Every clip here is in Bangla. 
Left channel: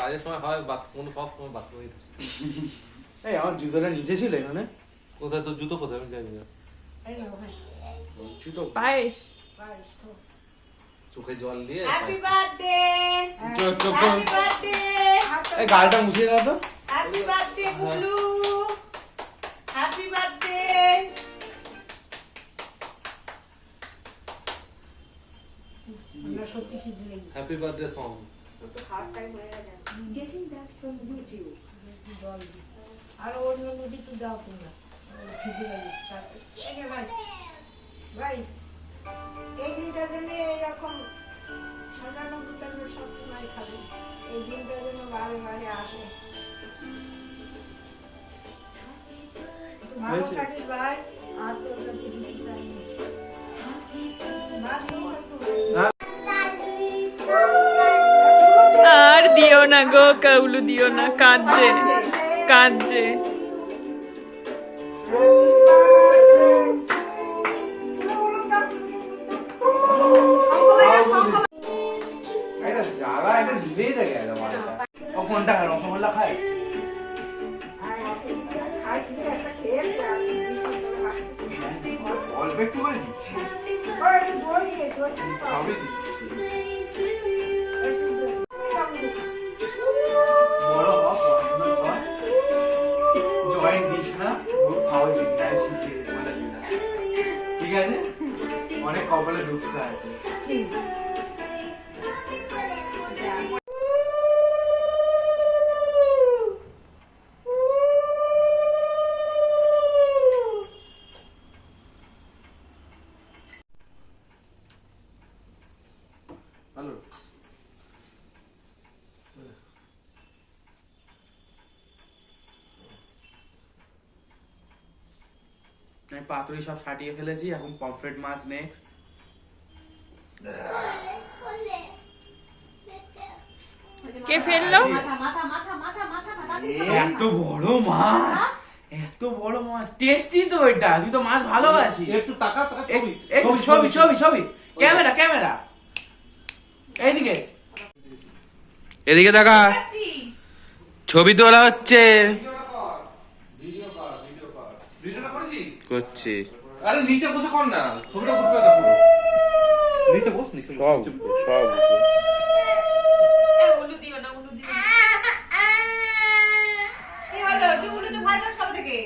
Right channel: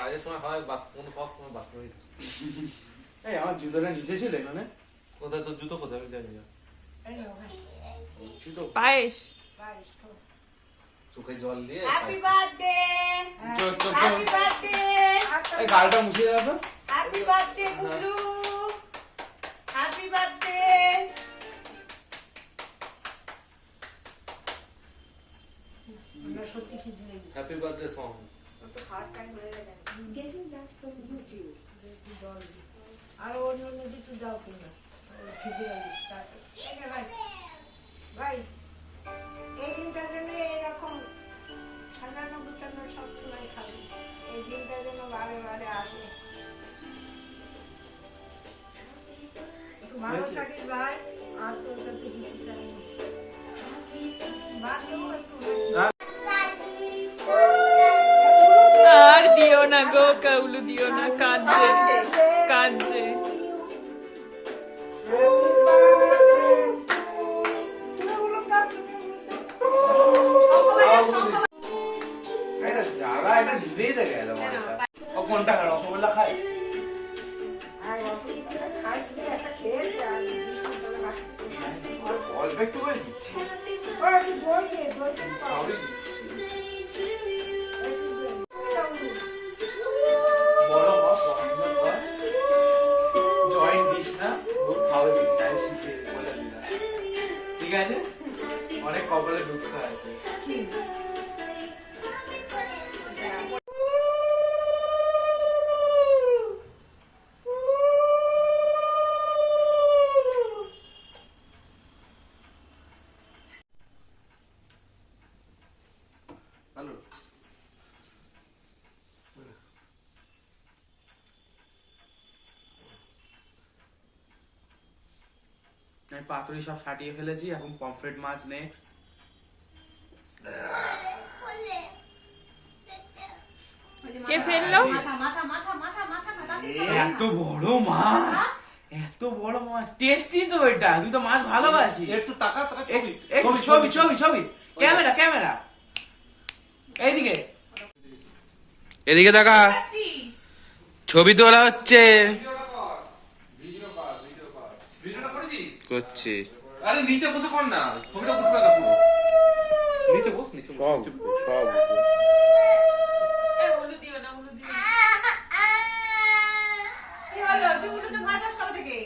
কাজের সময় হয় কোনো সব সময় বাথরুমেই এই আমার জুতোটা নিচে ছিল এখানে কোথায় তোর জুতো কোথায় আমি জানি না জুতো পায়েস চোখে জল দিয়ে হ্যাপি বার্থডে চোখ চোখ হ্যাপি বার্থডে এই গালটা মুছিয়ে দাও তো হ্যাপি বার্থডে হ্যাপি বার্থডে আমরা সত্যি কি ভুলে হ্যাপি বার্থডে সং তো খাওয়ার টাইম হয়ে গেছে। জল দিই। আর অন্য নদী তো দাও তোমরা। খিদে লাগছে এই নে ভাই। ভাই এই দিনটার জন্য এরকম সাজানো গুছানো সব সময় খাবে। এই দিনটার জন্য বারে বারে আসে। ভালো? থাকিস ভাই। আর তোর দিও না গো কাউলু দিও না কাঁদছে কাঁদছে। একটা কোনটা রসগোল্লা খায়? অল্প করে দিচ্ছি সবই দিচ্ছি দুঃখ আছে। আমি পাতুরি সব ফাটিয়ে ফেলেছি এখন পমফ্রেট মাছ নেক্সট কে ফেলল? এত বড় মাছ এত বড় মাছ। টেস্টি তো ওইটা তুই তো মাছ ভালোবাসি একটু টাকা টাকা ছবি ছবি ছবি ছবি ছবি। Camera camera. এইদিকে। এদিকে দেখা। ছবি তোলা হচ্ছে। করছি। আরে নিচে বসে কর না। ছবিটা উঠবে না পুরো। নিচে বস নিচে সব সব উলু দিও না উলু দিও কি হলো তুই উঠে তো ভয় পাস কবে থেকে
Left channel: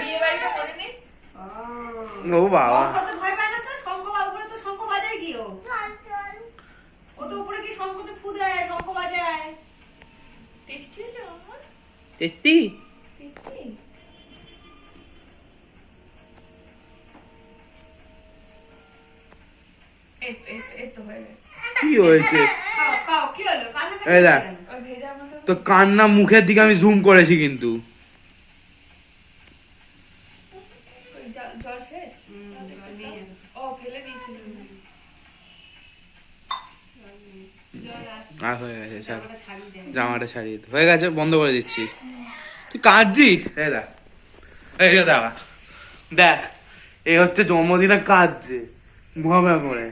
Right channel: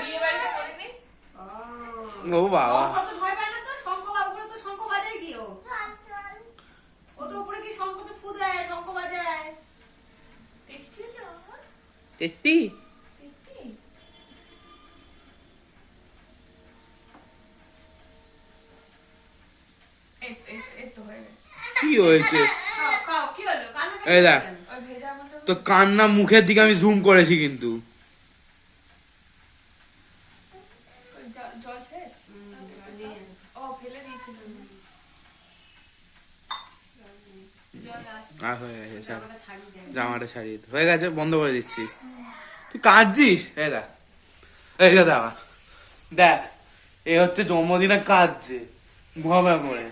বিয়ে বাড়িটা করে নে ও বাবা শঙ্খ তো ভয় পায় না তো শঙ্খ বা উপরে তো শঙ্খ বাজায় কি ও ও তো উপরে কি শঙ্খ তো ফু দেয় শঙ্খ বাজায় টেস্টি আছে বাবা। তেত্তি কি হয়েছে তো কান্না মুখের দিকে আমি জুম করেছি কিন্তু। জল- শেষ? ও ফেলে দিয়েছিল আর হয়ে গেছে ছাড়। জামাটা ছাড়িয়ে হয়ে গেছে বন্ধ করে দিচ্ছি। তুই কাঁদছিস? এই দেখ। এই দেখ দেখ। এই হচ্ছে জন্মদিনে কাঁদছে ভাবে করে